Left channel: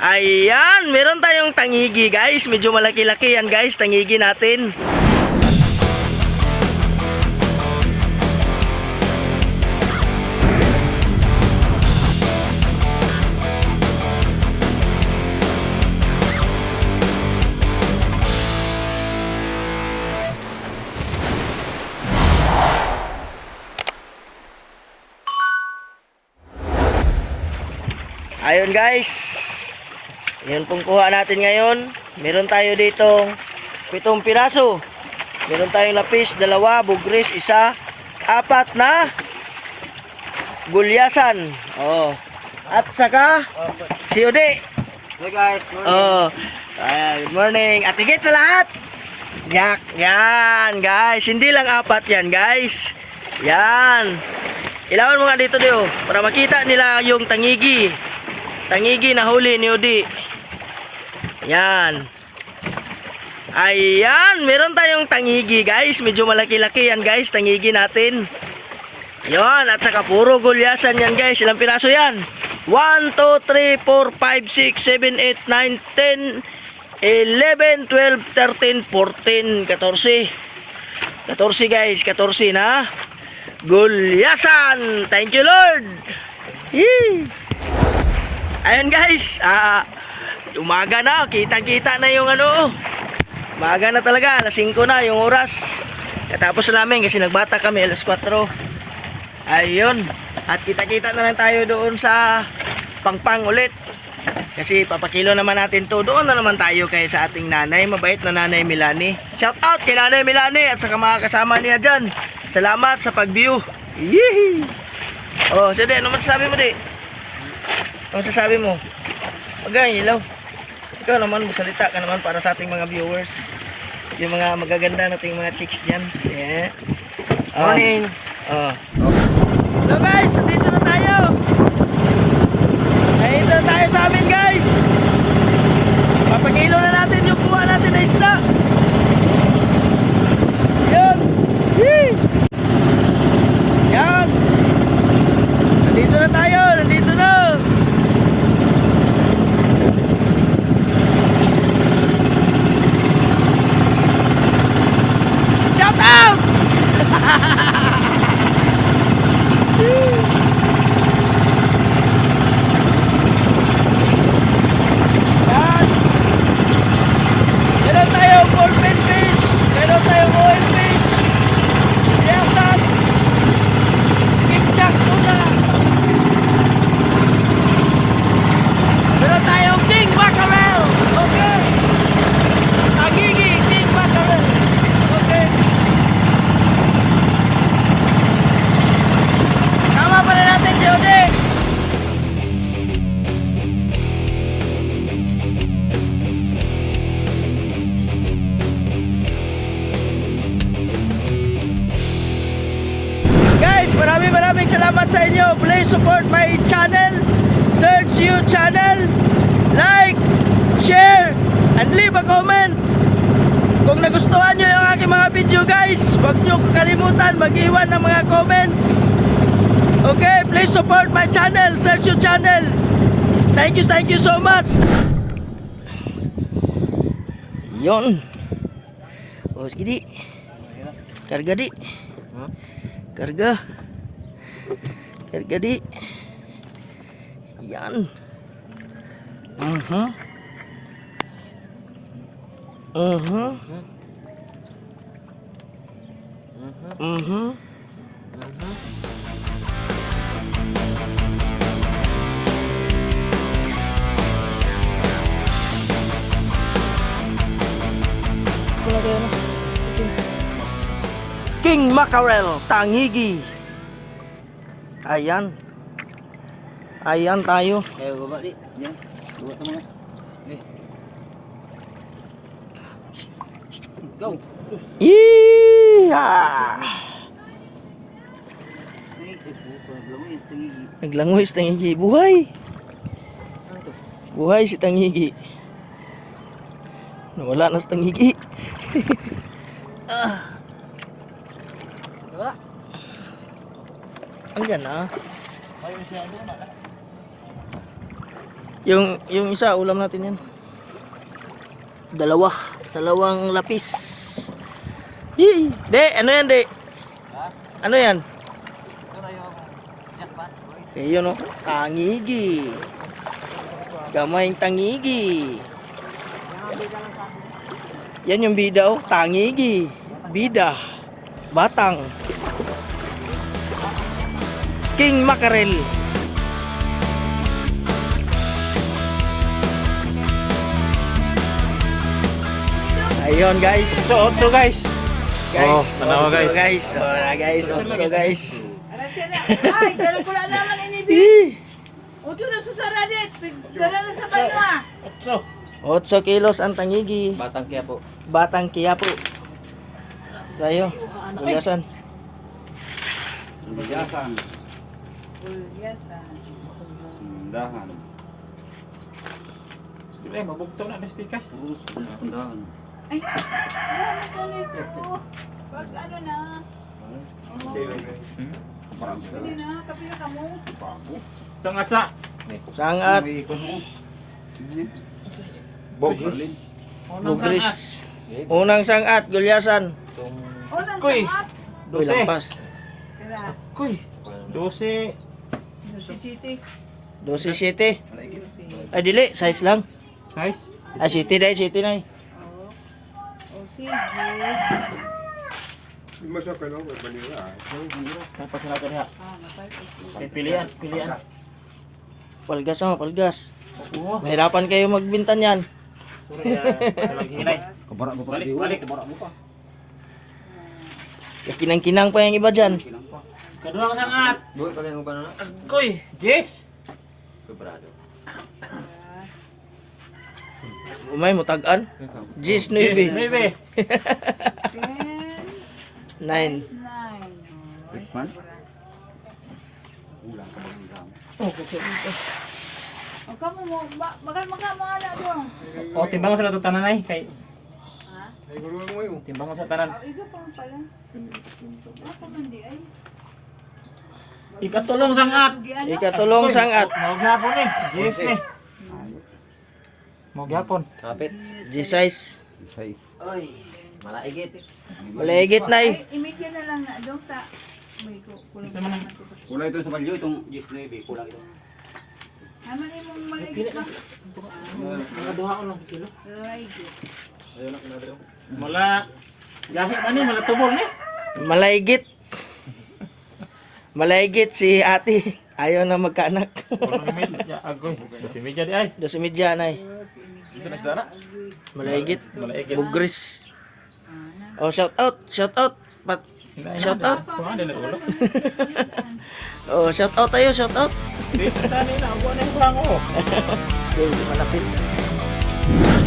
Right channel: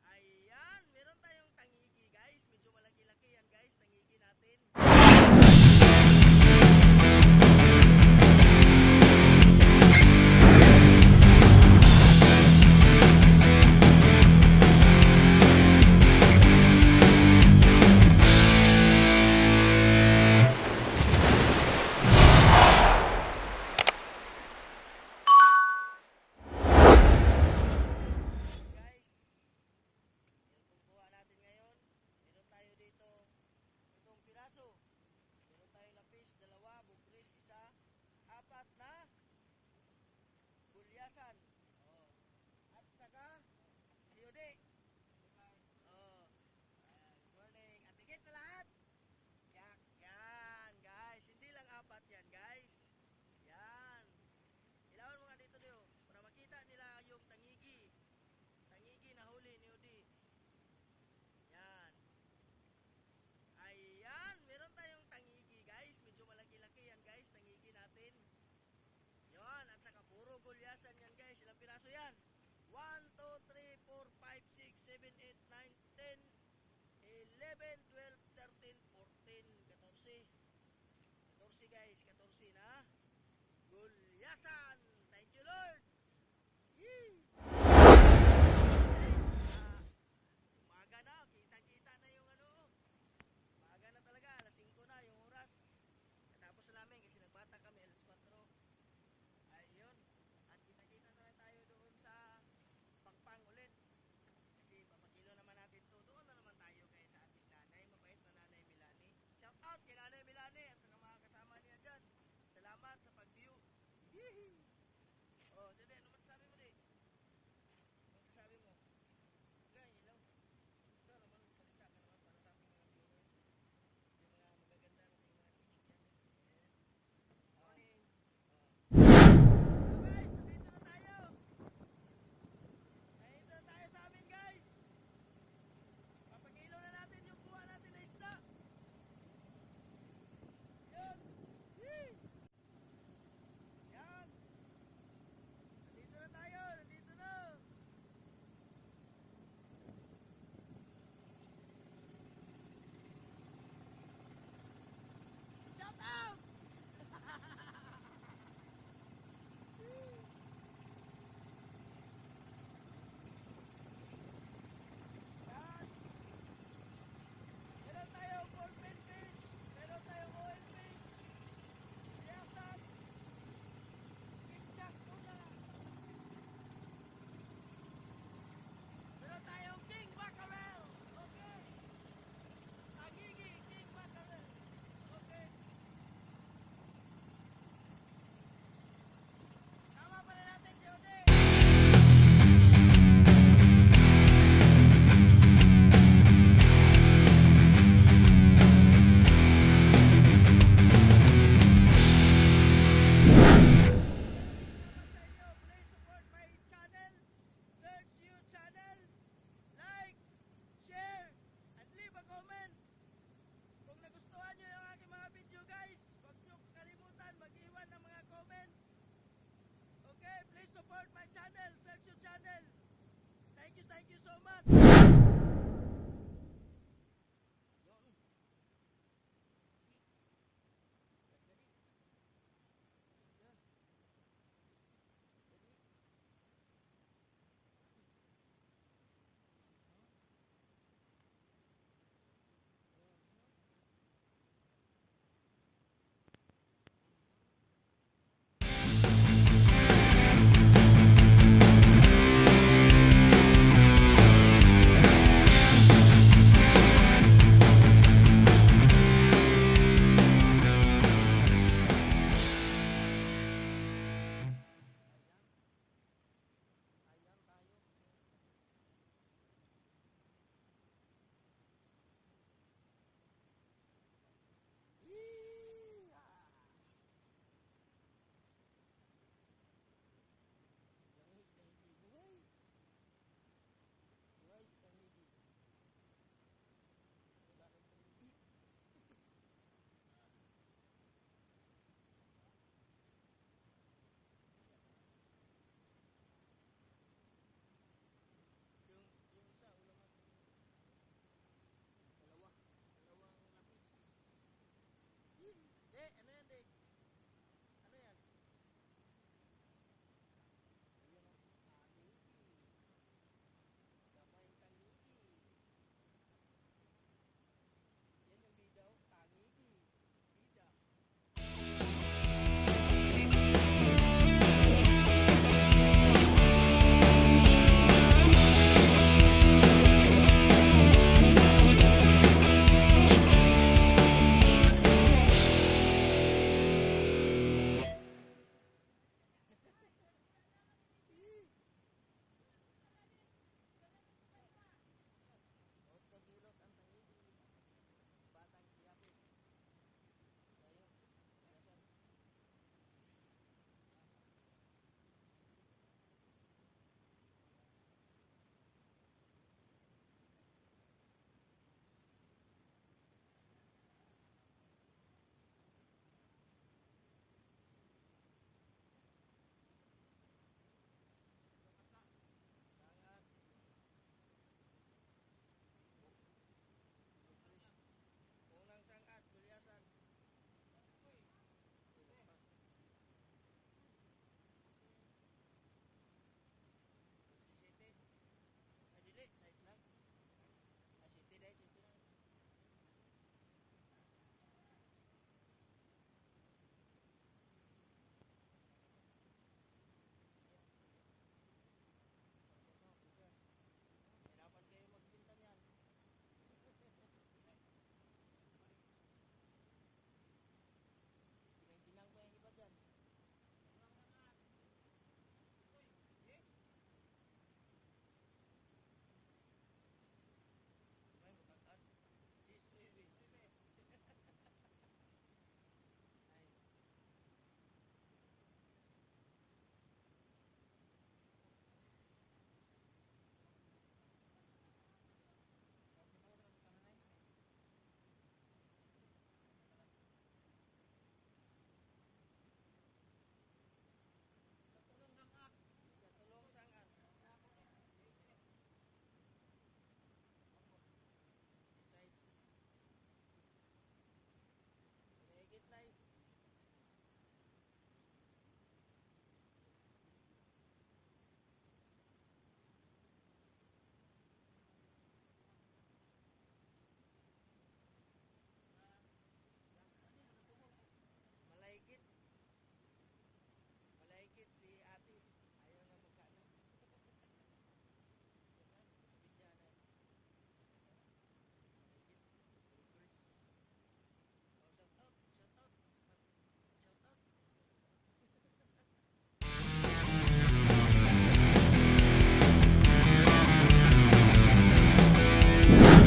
Ayan, meron tayong tangigi guys. Medyo malaki-laki yan guys, tangigi natin. Ayun guys. Yun pong kuha natin ngayon. Meron tayo ditong pitong piraso. Meron tayong lapis, dalawa, bugris, isa, apat na gulyasan. Oh. At saka si Ode. Hey guys, morning. Oh. Ah, good morning. At higit sa lahat. Yak, yan guys. Hindi lang apat yan guys. Yan. Ilawan mo nga dito dio para makita nila yung tangigi. Tangigi na huli ni Odi. Yan. Ayan, meron tayong tangigi guys. Medyo malaki-laki yan guys, tangigi natin. Yan, at saka puro gulyasan yan guys. Ilang piraso yan? 1, 2, 3, 4, 5, 6, 7, 8, 9, 10, 11, 12, 13, 14, 14. 14 guys, 14 na. Gulyasan! Thank you Lord! Yee! Ayun guys, ah, umaga na, kita-kita na yung ano, umaga na talaga, alas 5 na yung oras. Katapos na namin kasi nagbata kami, alas 4. Ayun, at kita-kita na lang tayo doon sa pangpang ulit. Kasi papakilo naman natin to. Doon na naman tayo kay sa ating nanay. Mabait na nanay Milani. Shout out kay nanay Milani at sa mga kasama niya dyan. Salamat sa pag-view. Yee! Oh, sige, ano masasabi mo di? Ano masasabi mo? Kang ilaw. Ikaw naman, magsalita ka naman para sa ating mga viewers. Yung mga magaganda nating mga chicks dyan. Yeah. Oh. Morning. Oh. So guys, nandito na tayo. Nandito na tayo sa amin guys. Papakilo na natin yung kuha natin na isda. Yun. Yee. Support my channel. Search you channel. Like, share, and leave a comment. Kung nagustuhan nyo yung aking mga video guys, huwag nyo kakalimutan mag-iwan ng mga comments. Okay, please support my channel. Search you channel. Thank you, thank you so much. Yon. Oh, sige di. Karga di. Karga. Karga di. Yan. Mhm. Mhm. Mhm. King Mackerel, Tangigi. Ayan. Ayan tayo. Kayo baba di. Yan. Baba ka muna. Eh. Go. Puto. Naglangoy si Tangigi. Buhay! Buhay si Tangigi. Nawala na si Tangigi. Wala. Ayun doon na. Yung, yung isa, ulam natin yan. Dalawa. Dalawang lapis. Yee. De, ano yan, de? Ano yan? Jackpot. Eh, yun o. Tangigi. Gamayng tangigi. Yan yung bida o. Tangigi. Bida. Batang. King Mackerel. Ayun guys. So, otso guys. Guys, Oh, tanawa, otso, guys. guys. Oh, na guys, otso guys. Ay, dala ko na naman ini. Eh, Uto na sa saradit. Dala na sa banwa. Otso. 8 kilos ang tangigi. Batang kaya po. Batang Quiapo. Tayo. Uliasan. Bigasan. Yes, ah. Dahan. Eh, mabugto na mas pikas. Purus. Dahan. Ay, ano to nito? Wag ano na. Oh, Hindi na, kapila ka mo. Sangat. Unang sangat. Bugris. Unang sangat. Gulyasan. Oh, nang Kuy. lampas. Kuy. Dose. Si City. 12 Ay, dili. Size lang. Size. Ay, city dahil. City na eh. Oh. Oh, sige. Tapos na ito niya. Ah, napay ko. Eh, Pilihan. Pilihan. Palgas na, palgas. Oo. Mahirapan kayo magbintan yan. Ah, talagang hinay. Kabara mo pa. Balik, balik. Kabara mo pa. Kinang-kinang pa yung iba dyan. Kaduhang sangat. Buhay pa kayo ba na? Kuy. Jess. Kebrado. Umay, mutagan. Gis, Jess. 9. Nuebe. Ten, 9. nine. Rikman? Ulang ka ba ulang? Oh, kasi dito. O kamo mo, makan makan mga na dong. Oh, timbangan sa nato tanan ay. Kay Ha? timbangan sa tanan. Oh, iga pa pala. Ako man di ay. Ikatulong sangat. Ikatulong sangat. Mau gyapon eh. Jess ni. Mau gyapon. Kapit. G-size. Size. Oy. Malaigit. Maligit na eh. Imigyan na lang na dong ta. May ku- kulang. Isa man ang- Kulang ito sa balyo, itong Gis Navy, kulang ito. Haman imong maligit ba? Nakaduha ko ng kilo. Ay, good. Mala gahi man ni mala tubol ni. Malaygit. Malaygit si ate. Ayaw na magkaanak. Medya di ay. Dos media na eh. Malaygit. Bugris. Oh, shout out. Shout out. Pat Shout out. Oh, shout out tayo, shout out. Di